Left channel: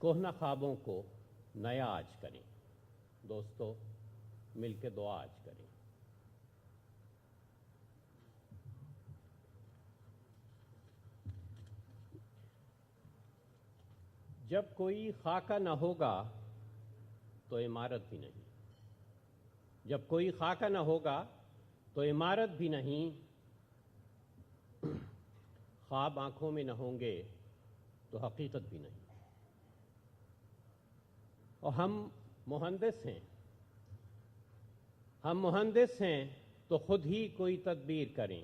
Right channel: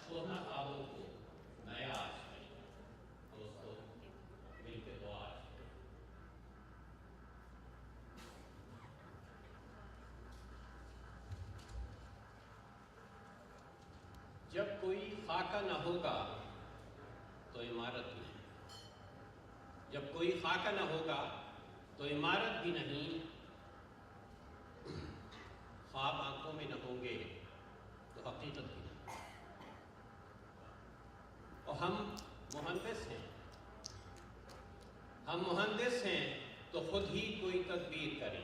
کوہنا خوابوں کو نیا آج کریں. دوستو مل کے دعا آج کریں. جب کوئی خاکہ نہ ہوگا تو عمارت بھی نہیں. جب کوئی خاکہ نہ ہوگا تو عمارت بھی نہیں. خواب آنکھوں میں نہ ہوں گے تو حقیقت بھی نہیں. اور ہم مہندس ہیں. ہم مہندس ہیں تو خود ہی کوئی تدبیر کریں.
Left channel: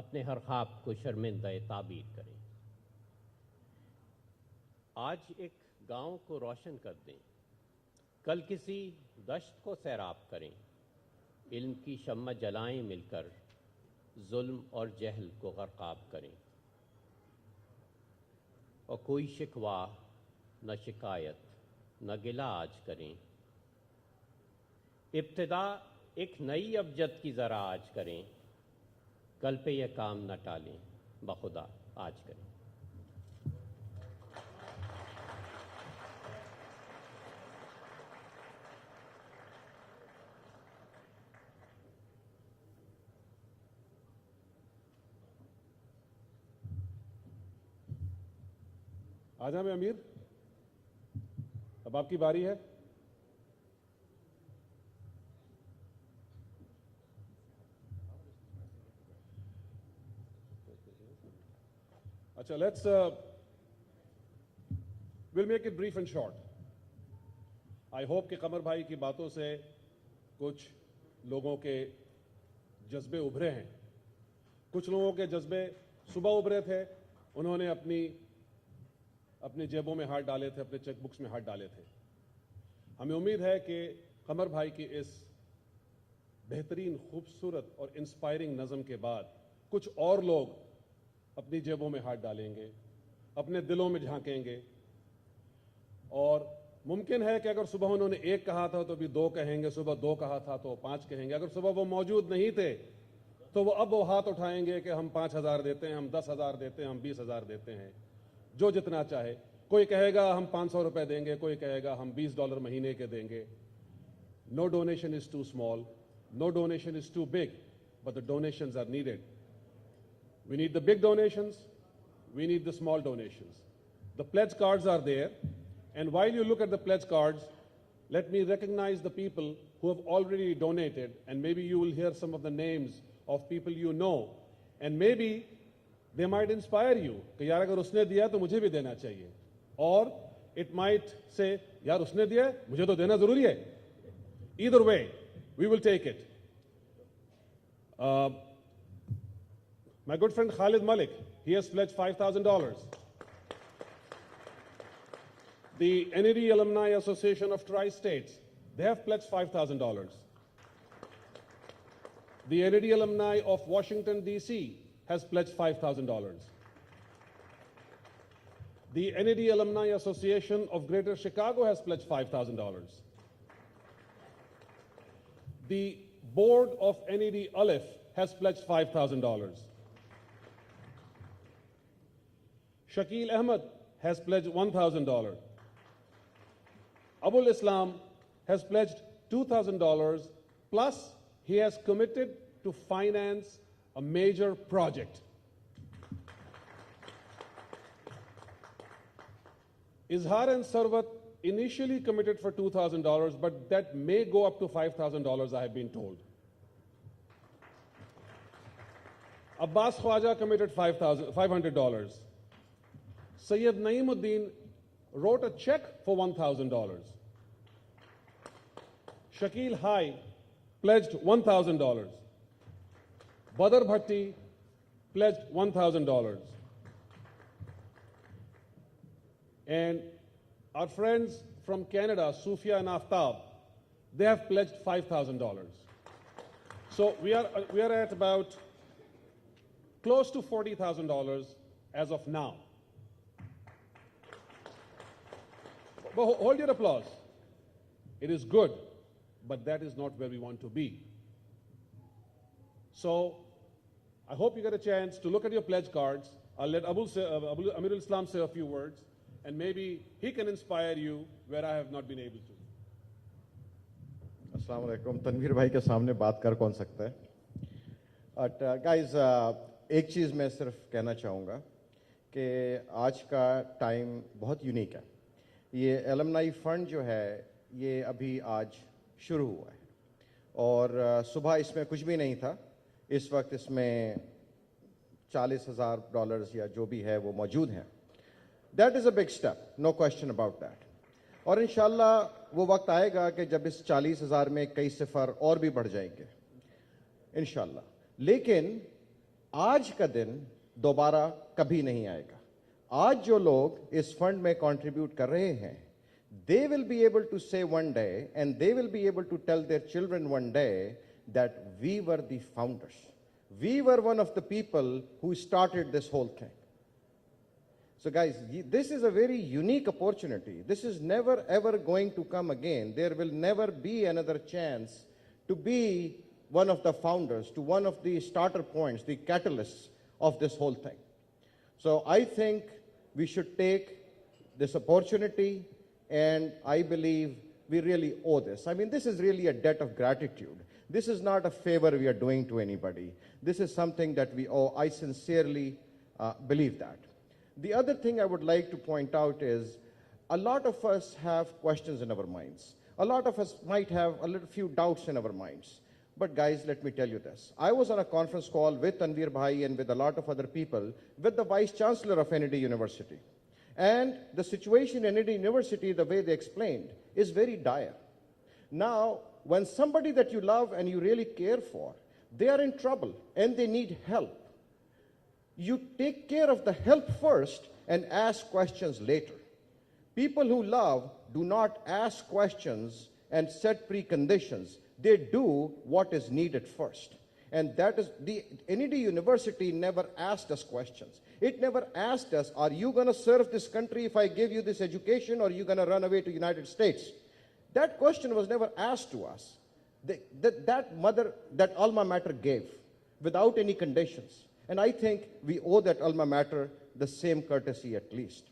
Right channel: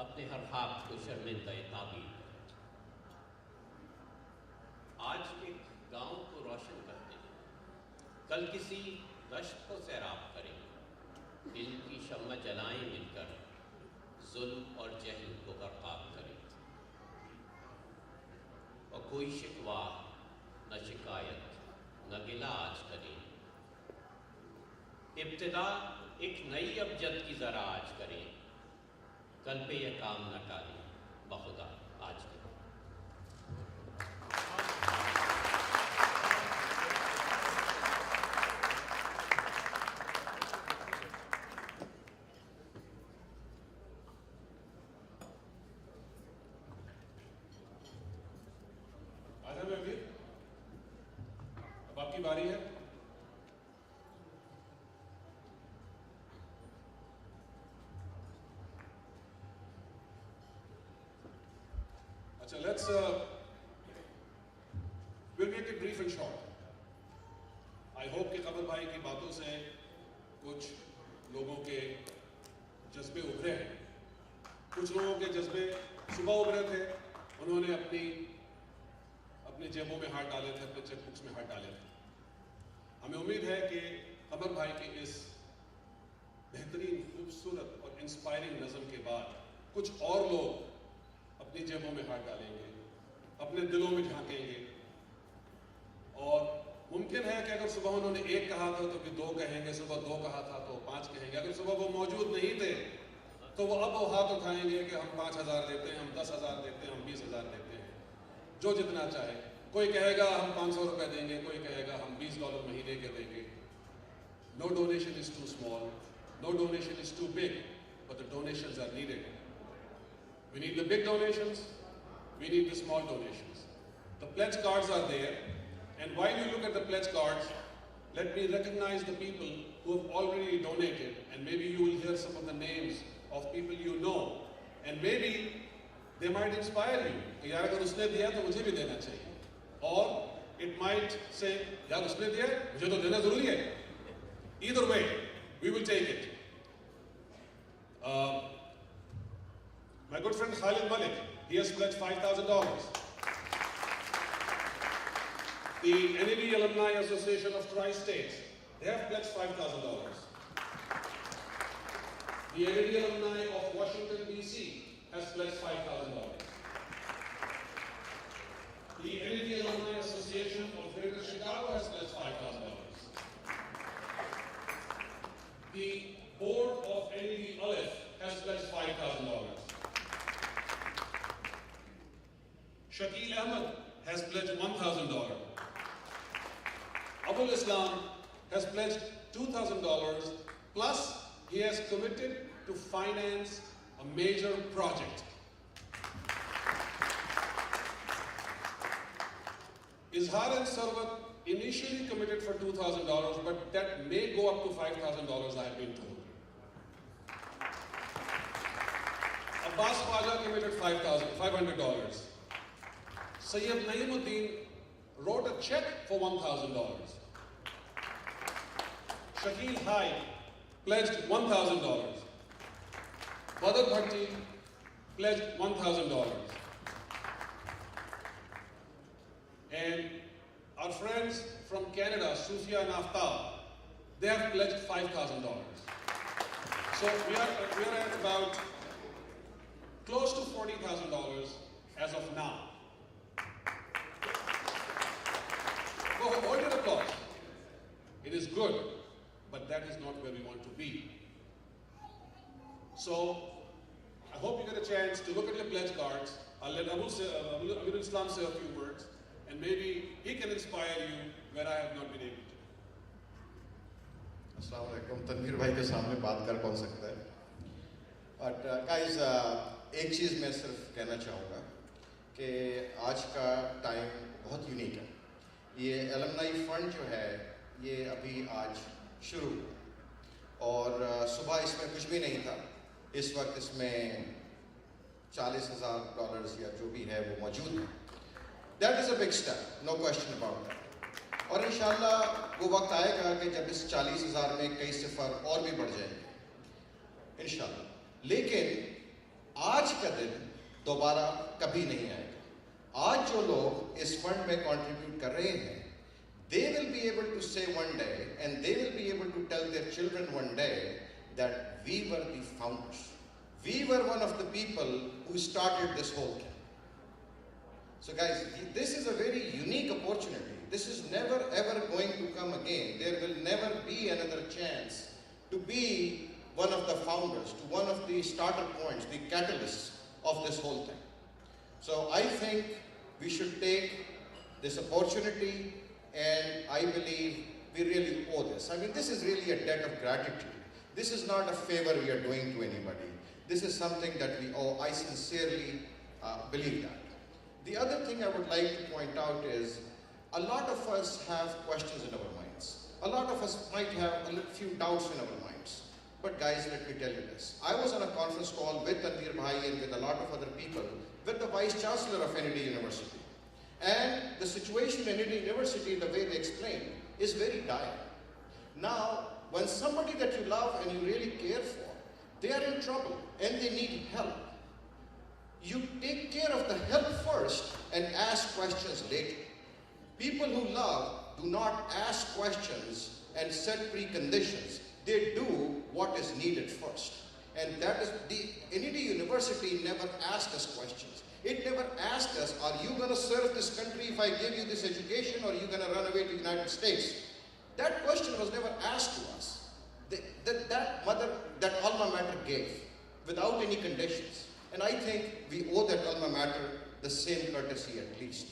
اپنے ہر خواب کو شرمندہ تعبیر کریں. آج ایک گاؤں کو روشن کرتے ہیں. کل کسی گشت کو سیراب کریں. ان کی شمع جلائیں مل کر. ظلم اور جہل کو غرقاب کریں. اور کوئی شکوہ نہ شکایت نہ گلہ آج کریں. ابتدا ایک نئی ابجد کی ذرا آج کریں. کل پہ یہ کام نہ ٹالیں. بخدا آج کریں. آجا میں امیر، اب آپ کی باری ہے. اچھا we'll make it brief and short. I hope کہ قمر بھائی کی باتوں سے کچھ لوگوں کے جذبے ابھرے ہیں. کچھ لوگوں کے جذبے صبح ابھرے تھے، انہوں نے اپنی جیبوں میں ہاتھ ڈالے تھے، اپنے چیک بکس میں ہاتھ ڈالے تھے. ہمیں امید ہے کہ قمر بھائی کی اس بہترین، خوبصورت اور انسپائرنگ نظم کے بعد کچھ اور لوگ اپنی جیبوں میں ہاتھ ڈالیں گے، اپنے دلوں میں جھانکیں گے. اور ممکن ہے کہ اگر صبح انہوں نے 1 کہا تھا تو بھی 2 کہیں گے، صبح 2 کہا تھا تو 5 کہیں گے. اگر صبح وہ موجود نہیں تھے تو وہ اب وہ ہاتھ اٹھائیں گے کہ ہم 5,000 دیتے ہیں، ہم 10,000 دیتے ہیں، ہم 20,000 دیتے ہیں، جو جتنا چاہے. کوئی کہے گا ہم 500 روپے دیں گے، کوئی کہے گا ہم $20 مہینے کے دیں گے. No donation is too small, no donation is too big, but the donations are needed. We need the big donations, we need the small donations. The pledge cards are there, and while you look at the pledge cards, let me recognize the people who have already donated, and maybe you will hear some of the names of people you know, and maybe they might inspire you کہ یار اگر اس نے دیا تو مجھے بھی دینا چاہیے. Or it might say یار اس نے دیا مجھے تو دینا ضروری ہے. Either way, we will take it. My good friend Khalid Malik, he has pledged $5,000. The NAD Alumni Association of Tri-States, they have pledged $5,000. The NAD Alumni of Washington, D.C. has pledged $5,000. The NAD Alumni Association of Greater Chicago has pledged $5,000. The board of NAD Aleph has pledged $5,000. Shakil Ahmed has pledged $1,000. Abul Islam has pledged $2,000, plus he has committed to finance a major project. Izhar and Sarwat initially committed for $2,000, but that may go up to $5,000, I have been told. Abbas Khwaja committed $500. Sayyid Naimuddin wrote a check for $1,000. Shakil Hai pledged $1,000. Badr Bhatti pledged $1,000. And our friends from Canada, Sufia and Aftab, they have pledged $5,000. So we are at about close to $40,000 as of now. Well, hold your applause. It is good, but that is not where we want to be. So I hope you get a chance to look at your pledge cards. I'll let Amirul Islam say a few words, and maybe he can inspire you where I have not been able to. अस्सलाम वालेकुम। तनवीर भाई के सामने बात कर कौन सकता है? बट गाइस, एक चीज़ मैं सिर्फ कहना चाहूँगा कि आज का टाइम बहुत यूनिक है। ये एलमनाई फंड जो है ये अभी आज शुरू हुआ और सुबह इसमें कुछ भी नहीं था। इस वक्त इसमें $40,000 या जो भी है वो मौजूद है। That is a big step, no question about that. और इंशाल्लाह वो वक्त आएगा कि जब इस 40,000 में कई सिफर और भी बढ़ जाएंगे इंशाल्लाह। लेकिन आज का दिन दोबारा कभी नहीं आएगा। आज जो लोग इस फंड में कंट्रीब्यूट कर रहे हैं, they will be able to say one day and they will be able to tell their children one day that we were the founders. We were one of the people who started this whole thing. So guys, this is a very unique opportunity. This is never ever going to come again. There will never be another chance to be one of the founders, to one of the starter points, the catalysts of this whole thing. So I think we should take this opportunity, and I believe we really owe this. I mean, this is really a debt of gratitude. This is not a favor we are doing to anybody. This is something that we owe. I sincerely believe that. The other thing I would like to point out is a lot of us have questions in our minds. A lot of us might have a few doubts in our minds. But guys, let me tell you this. I was on a conference call with Tanveer Bhai and with a lot of other people with the Vice Chancellor of NED University. And the situation in NED University, the way they explained, is very dire. Now, when somebody that you love and you really care for, they are in trouble and they need help, you take care of the help first and ask questions later. People who love do not ask questions and set preconditions. They do what is needed first. And that is, the NED University never asked us questions. It never asked us, are you going to serve this country if I give you this education, or are you going to run away to the United States? That question was never asked to us. That alma mater gave without any conditions. And I think we owe that alma mater the same courtesy at least.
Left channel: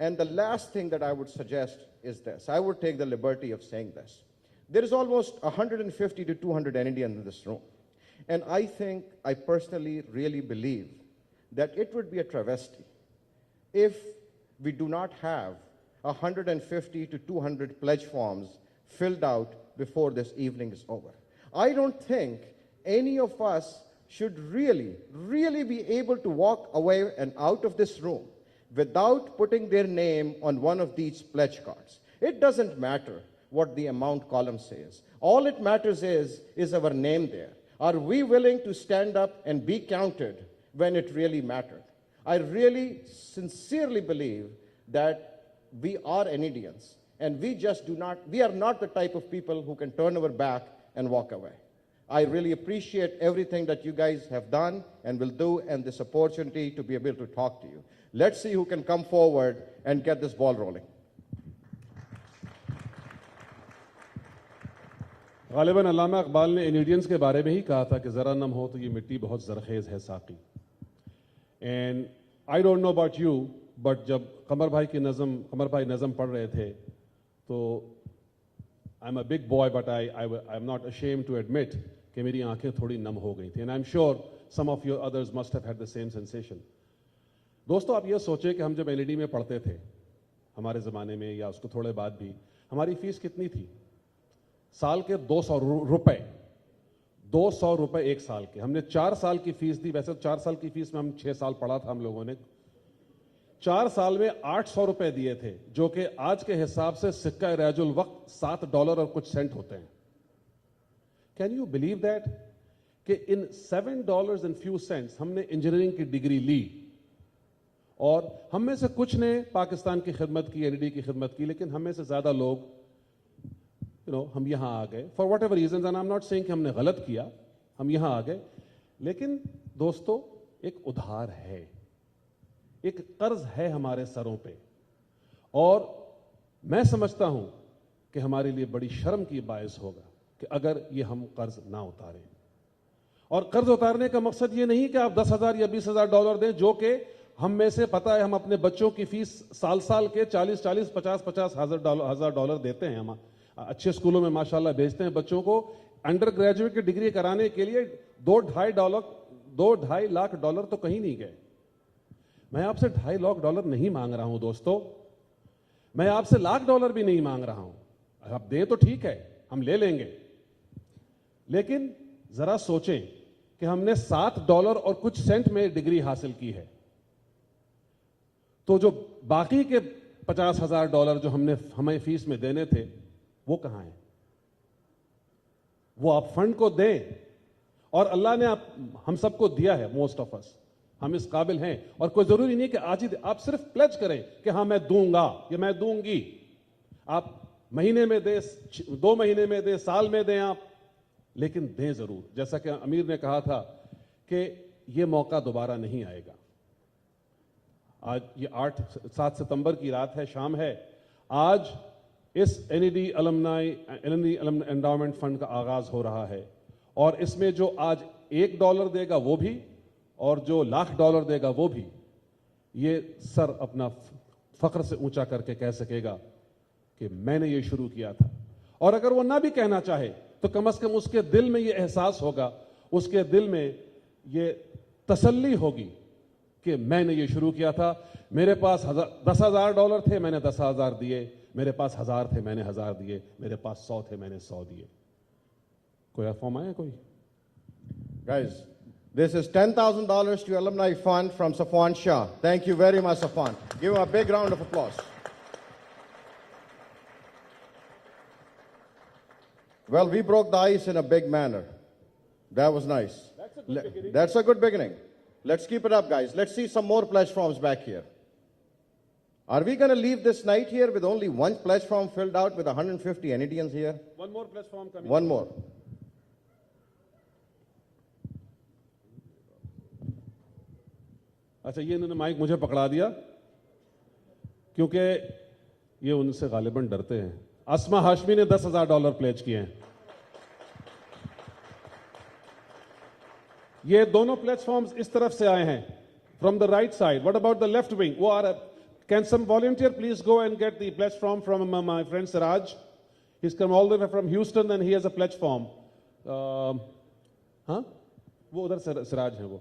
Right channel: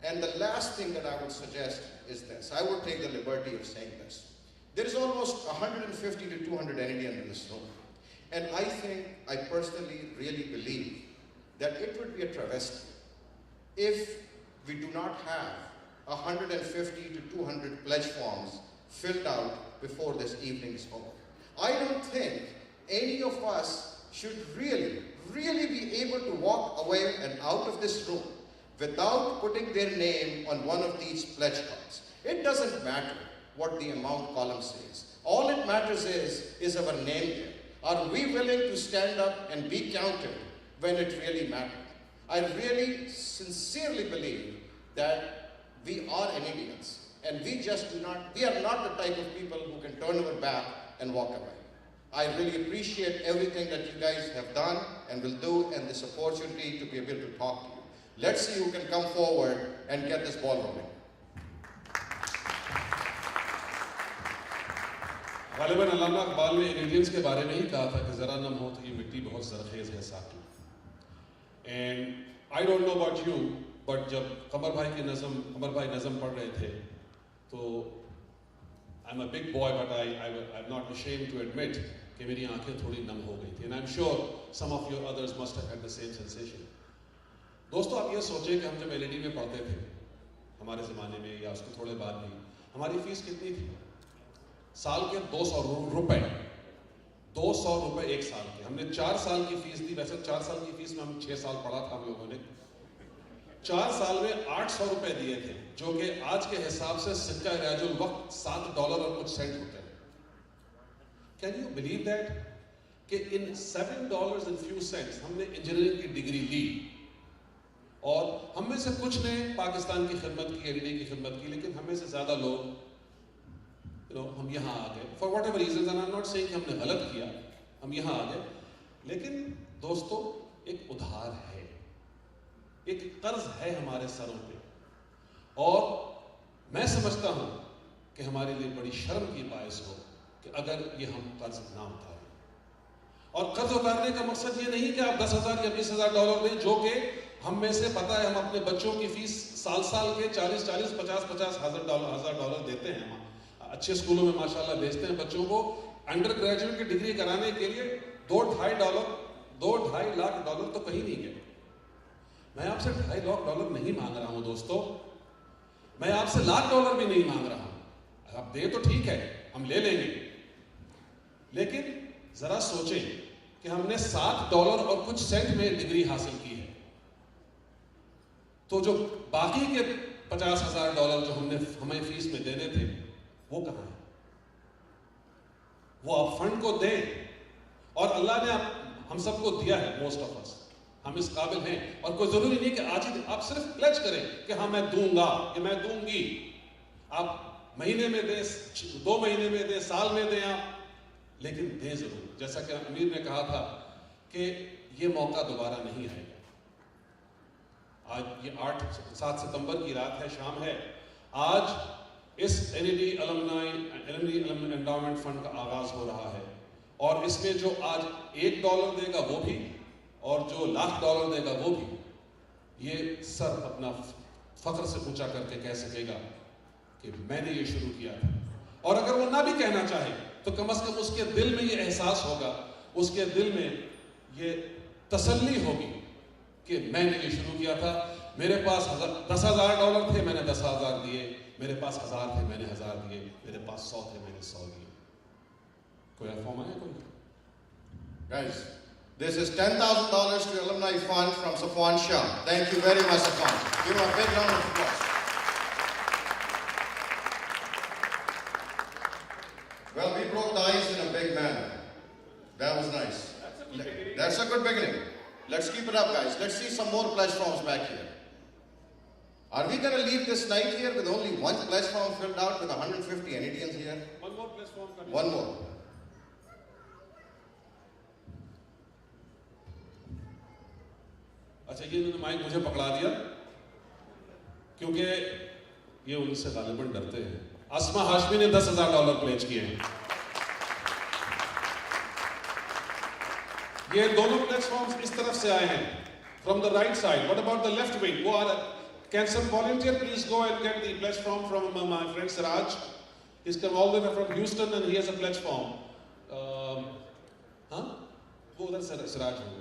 And the last thing that I would suggest is this. I would take the liberty of saying this. There is almost 150 to 200 NEDians in this room. And I think, I personally really believe that it would be a travesty if we do not have 150 to 200 pledge forms filled out before this evening is over. I don't think any of us should really be able to walk away and out of this room without putting their name on one of these pledge cards. It doesn't matter what the amount column says. All it matters is our name there. Are we willing to stand up and be counted when it really mattered? I really sincerely believe that we are NEDians, and we are not the type of people who can turn our back and walk away. I really appreciate everything that you guys have done and will do, and this opportunity to be able to talk to you. Let's see who can come forward and get this ball rolling. غالباً علامہ اقبال نے Indians کے بارے میں ہی کہا تھا کہ ذرا نم ہو تو یہ مٹی بہت زرخیز ہے ساقی. And I don't know about you, but جب قمر بھائی نظم پڑھ رہے تھے تو I am a big boy, but I am not ashamed to admit کہ میری آنکھیں تھوڑی نم ہو گئی تھیں. And I am sure some of your others must have had the same sensation. دوستو، آپ یہ سوچیں کہ ہم جب NED میں پڑھتے تھے ہمارے زمانے میں یا اس کے تھوڑے بعد بھی، ہماری فیس کتنی تھی؟ سال کے 200 روپے 200 روپے ایک سال کے. ہم نے 4 سال کی فیس دی. ویسے 4 سال کی فیس میں ہم 6 سال پڑھا تھا ہم لوگوں نے. 4 سال میں 800 روپے دیے تھے، جو کہ آج کے حساب سے سکہ رائج الوقت $7 اور کچھ سینٹ ہوتے ہیں. کین یو بلیو دیٹ کہ ان $7 and few cents ہم نے انجینئرنگ کی ڈگری لی، اور ہم میں سے کچھ نے پاکستان کی خدمت کی، NED کی خدمت کی، لیکن ہم میں سے زیادہ لوگ ہم یہاں آ گئے for whatever reasons. And I am not seeing کہ ہم نے غلط کیا، ہم یہاں آ گئے. لیکن دوستو، ایک ادھار ہے، ایک قرض ہے ہمارے سروں پہ، اور میں سمجھتا ہوں کہ ہمارے لیے بڑی شرم کی باعث ہو کہ اگر یہ ہم قرض نہ اتاریں. اور قرض اتارنے کا مقصد یہ نہیں کہ آپ $10,000 یا $20,000 دیں، جو کہ ہم میں سے پتہ ہے ہم اپنے بچوں کی فیس سال کے 40-50 ہزار ڈالر دیتے ہیں. ہم اچھے اسکولوں میں ماشاءاللہ بھیجتے ہیں بچوں کو. انڈر گریجویٹ کی ڈگری کرانے کے لیے 2-2.5 لاکھ ڈالر تو کہیں نہیں گئے. میں آپ سے 2.5 لاکھ ڈالر نہیں مانگ رہا ہوں دوستو, میں آپ سے $1,00,000 بھی نہیں مانگ رہا ہوں. آپ دیں تو ٹھیک ہے, ہم لے لیں گے, لیکن ذرا سوچیں کہ ہم نے $7 اور کچھ سینٹ میں ڈگری حاصل کی ہے, تو جو باقی کے $50,000 جو ہمیں فیس میں دینے تھے وہ کہاں ہیں؟ وہ آپ فنڈ کو دیں, اور اللہ نے ہم سب کو دیا ہے, موسٹ آف اس ہم اس قابل ہیں, اور کوئی ضروری نہیں کہ آج ہی آپ صرف پلیج کریں کہ ہاں میں دوں گا یا میں دوں گی. آپ مہینے میں دیں, 2 مہینے میں دیں, سال میں دیں آپ, لیکن دیں ضرور. جیسا کہ امیر نے کہا تھا کہ یہ موقع دوبارہ نہیں آئے گا. آج یہ 7 ستمبر کی رات ہے, شام ہے. آج اس NED المنائی انڈاؤمنٹ فنڈ کا آغاز ہو رہا ہے, اور اس میں جو آج $1 دے گا وہ بھی, اور جو $1,00,000 دے گا وہ بھی, یہ سر اپنا فخر سے اونچا کر کے کہہ سکے گا کہ میں نے یہ شروع کیا تھا. اور اگر وہ نہ بھی کہنا چاہے تو کم از کم اس کے دل میں یہ احساس ہوگا, اس کے دل میں یہ تسلی ہوگی کہ میں نے یہ شروع کیا تھا. میرے پاس $10,000 تھے, میں نے 10,000 دیے. میرے پاس 1,000 تھے, میں نے 1,000 دیے. میرے پاس 100 تھے, میں نے 100 دیے. کوئی افہام آیا کوئی؟ Guys, this is $10,000 to Alumni Fund from Safwan Shah. Thank you very much, Safwan. Give a big round of applause. Well, we broke the ice in a big manner. That was nice. That's a good beginning. Let's keep it up, guys. Let's see some more pledge forms back here. Are we going to leave this night here with only one pledge form filled out with 150 NEDians here? One more pledge form coming. One more. اچھا, یہ انہوں نے mic مجھے پکڑا دیا کیونکہ یہ ان سے غالباً ڈرتے ہیں. اسما ہاشمی نے $10,000 پلیج کیے ہیں. یہ دونوں پلیٹ فارمز اس طرف سے آئے ہیں, from the right side. What about the left wing? Can some volunteer please go and get the pledge form from my friend Siraj? He's come all the way from Houston and he has a pledge form. وہ ادھر Siraj ہے وہ.